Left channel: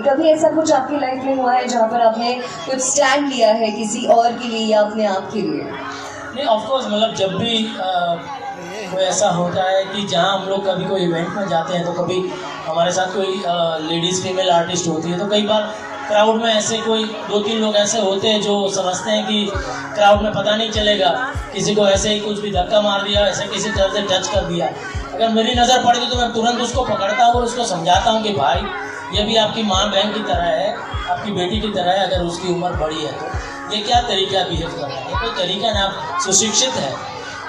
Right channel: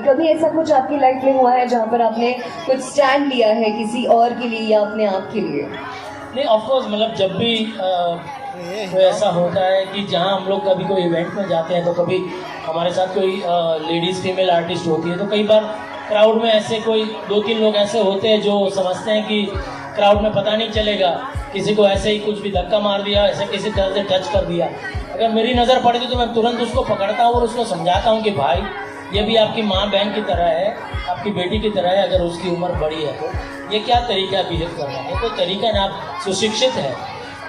कभी ऐसा कुछ आपकी लाइफ में हुआ है जहाँ पर आपने कुछ स्टैंड लिया है किसी और के लिए या अपने आप के लिए? नहीं, ऑफ कोर्स मतलब जब भी कोई ऐसा होता है कि जहाँ हम लोग कभी कोई इवेंट में जाते हैं तो कभी हमारे साथ कोई लेडीज़ फीमेल आर्टिस्ट होती है, तो कई बार क्राउड में ऐसे कोई 2-3 लोग ऐसे होते हैं जो समझते हैं कि क्राउड में पता नहीं चलेगा, किसी को ऐसे ही कुछ भी धक्का मार दिया, ऐसे किसी तरह से टच कर दिया। अगर मेरी नज़र पड़ती तो मैं तुरंत उसको पकड़ता हूँ और उसको समझाता हूँ कि भाई ये भी आपकी माँ बहन की तरह है, आपकी बेटी की तरह है, अगर उसकी उम्र बड़ी है तो ये क्या तरीका है बिहेव करने का? कोई तरीका नहीं, आप सुशिक्षित हैं,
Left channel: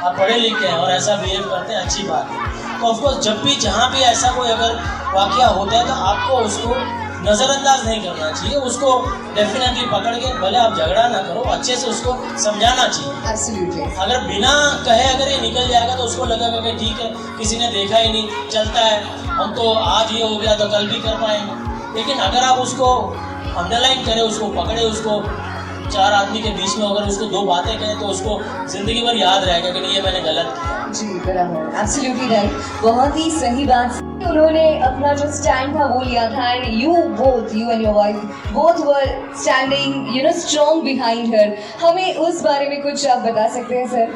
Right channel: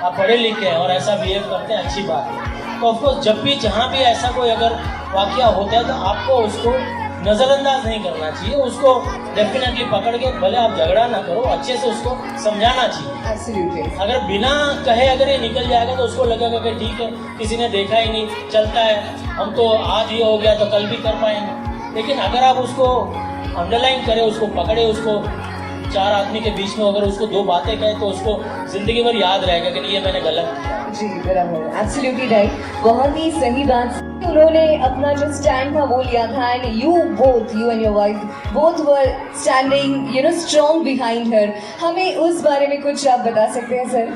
आप पढ़े लिखे हैं और ऐसा बिहेव करते हैं, अच्छी बात है। तो ऑफकोर्स जब भी जहाँ भी ऐसा कोई अगर वाक़या होता है तो आपको उसको नज़रअंदाज नहीं करना चाहिए, उसको डेफिनेटली पकड़ के भले आप झगड़ा ना करो, अच्छे से उसको समझाना चाहिए। Absolutely. अगर बिना कहे अगर ये निकल जाएगा तो उसको लगेगा कि ठीक है, किसी ने देखा ही नहीं, चलता है, हम तो आज ये हो गया तो कल भी कर पाएंगे। लेकिन अगर आप उसको अंडरलाइन करें, उसको पकड़े, उसको 4 आदमी के बीच में अगर उसको 2 बातें कहें तो उसको ज़िंदगी भर याद रहेगा कि नहीं ये मैंने गलत किया। जी बराबर, एब्सोल्युटली राइट, बहुत ही सही बात। उन्होंने अपना जो स्टैंड था वो लिया था and you and your wife both were standing strong behind her. हमें उस बारे में कुछ आप बता सकते हैं सर?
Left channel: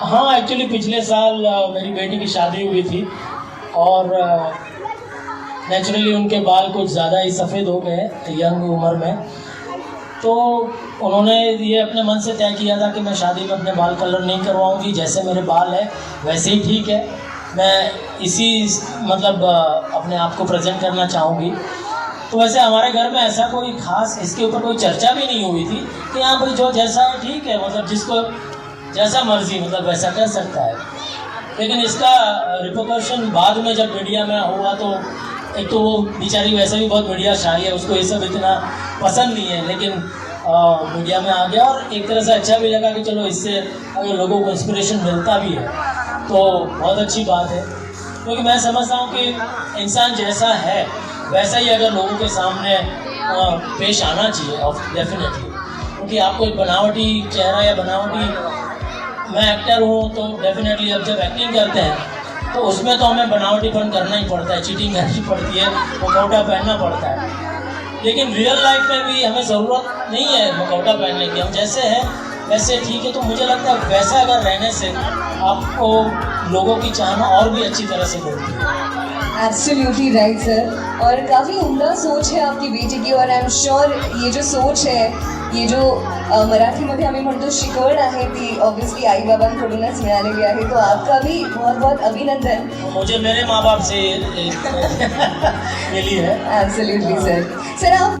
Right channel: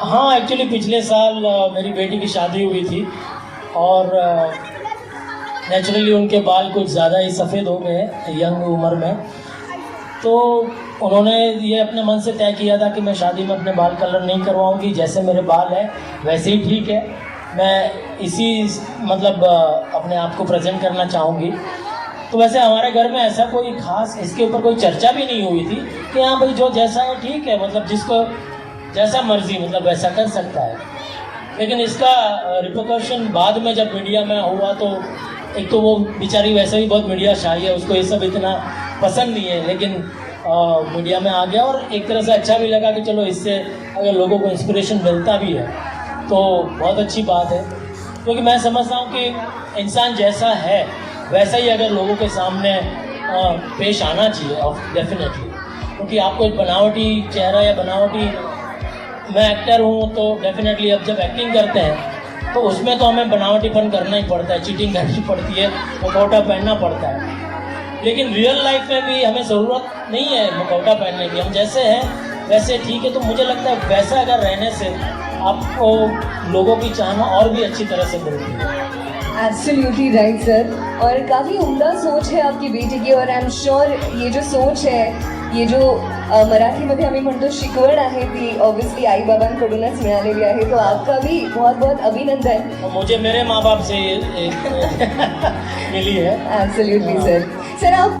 हाँ, एक्चुअली पिछले साल मेरी बेटी की शादी हुई थी और नेचुरली उनके बाल कुछ ज़्यादा ही सफ़ेद हो गए यंग उम्र में, तो उन्होंने ये अपने मन से तय किया था कि मैं शादी में अपने बाल कलर नहीं करवाऊंगी, जैसे मेरे बाल हैं वैसे ही ठीक है, मैं इसी मतलब अपने आप को प्रेजेंट करना चाहूँगी। तो वैसे हमारे घर में ऐसा कोई ख़ास इसके ऊपर कोई चर्चा भी नहीं हुई थी कि हाँ भाई जो जैसा है ठीक है, मतलब जिसको जैसा मर्जी मतलब वैसा कर सकता है। लेकिन इसका रिपोर्टेशन बाद में जब मीडिया में हुआ तो एक तो वो बेचारी वैसे भी बहुत मीडिया शाही है, उसको ये सब इतना पसंद नहीं है, लेकिन मीडिया में आ गया और एक तरह से अच्छा भी लगा कि चलो इससे अगर लोगों को इंस्पिरेशन मिलता भी है तो बहुत अच्छी बात है। क्योंकि मैं समझता हूँ कि इंसान जैसा है वैसा ही अगर लोगों के सामने पेश आना चाहिए डेफिनेटली। क्योंकि आपको एक बनावटी चेहरा या बनावटी, मैं एक्टर हूँ तो डेफिनेटली अब जब एक्टिंग करते हैं तो उसमें तो हमें बनावटीपन करना ही पड़ता है, चीटिंग करनी पड़ती है, मुखौटा पहनना पड़ता है। लेकिन रियल लाइफ में भी हमें ज़रूरत नहीं है मुखौटा पहनने की, हम जैसे हैं वैसे ठीक है। तो मुझे लगता है वैसा अगर रहने से आपको लोगों की चाहना और भी अच्छी तरह से मिलती है। एब्सोल्युटली राइट सर, और काफ़ी उम्दा सोच है आपकी बेटी की, और आई एम श्योर ये जो सोच है, ये जो मराठीमध्ये आम्ही म्हणतो शिकवण आहे ती ऑब्वियसली आई बाबांकडूनच मिळालेली आहे, तो आपका भी बहुत बहुत अभिनंदन। मुझे मेरे माँ बाप से मिली है। Absolutely sir. सर आप